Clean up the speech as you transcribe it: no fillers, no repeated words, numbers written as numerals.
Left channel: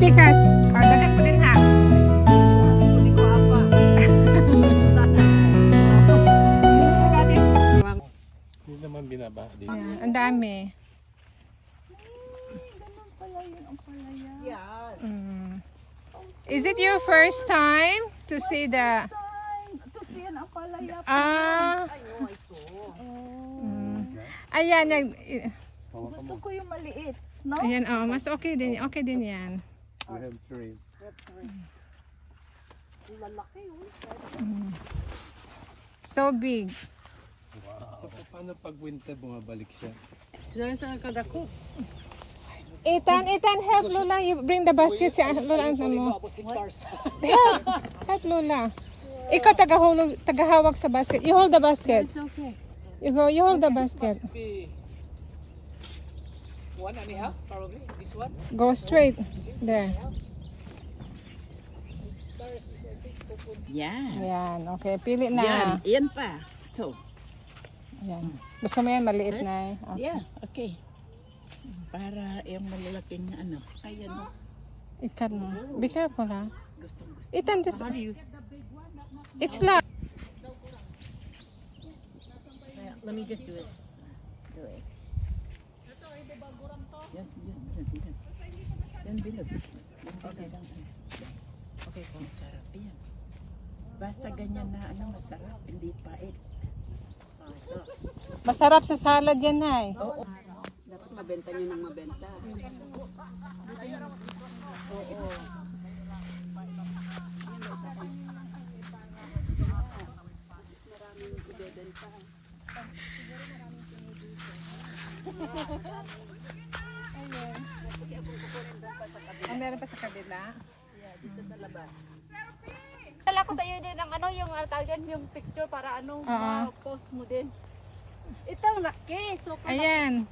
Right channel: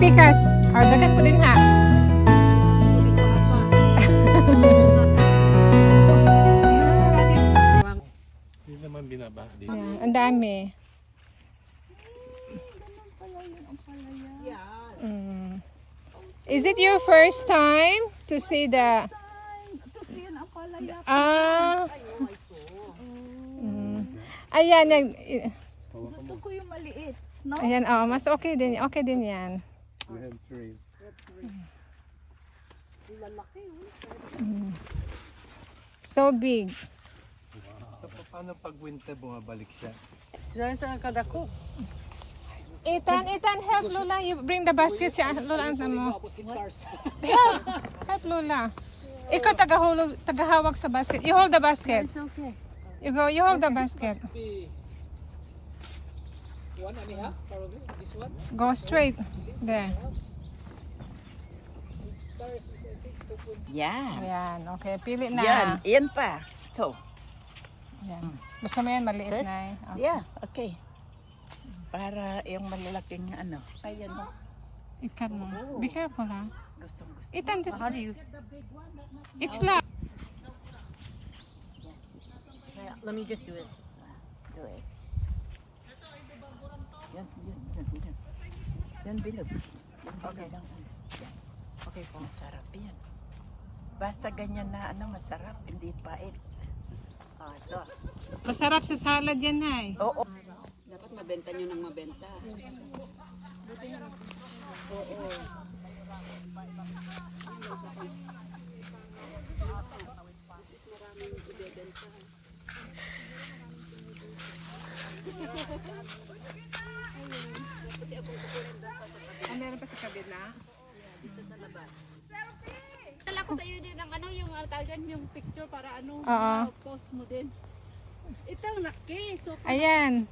pikas. Ganun ko din ha. Hindi ko apa. Hindi naman binaba. Ang dami. Ganun pala yun ang palaya. Yan. Is it your first time to see the... To see an ampalaya. Ay, no, ito. Ayan, Gusto ko yung maliit. No? ayan, mas okay din yan. We have three. Lalaki yun. So big. Wow. So, paano pag winter bumabalik siya? Diyan sa kadako. Ethan, help Lola. You bring the basket si Lola. Help Lola. Ikaw tagahawak sa basket. You hold the basket. It's okay. You hold the basket. 1.5 probably. This one. Go straight. There. Yan. Yan, okay. Pili na. Yan pa. Ito. Yan. Gusto mo yan maliit Yes? na. Yeah, okay. Para yung malalaking ano. Ayan o. Ikat mo. Be careful ha. Gustong gusto. Ethan, just... How do you... It's loud. Let me just do it. Do it. Yan. Yan, bilog. Okay. Yan. Okay po. Masarap yan. Basta ganyan na ano, masarap. Hindi pait. Ito. Masarap sa salad yan na eh. Oo. Dapat mabenta nyo ng mabenta. Oo. Meron pa sa kabila? Dito sa labas. Kala ko sa iyo din ang ano, yung altagan, yung picture para ano, post mo din. Ito ang laki. So, Ayan.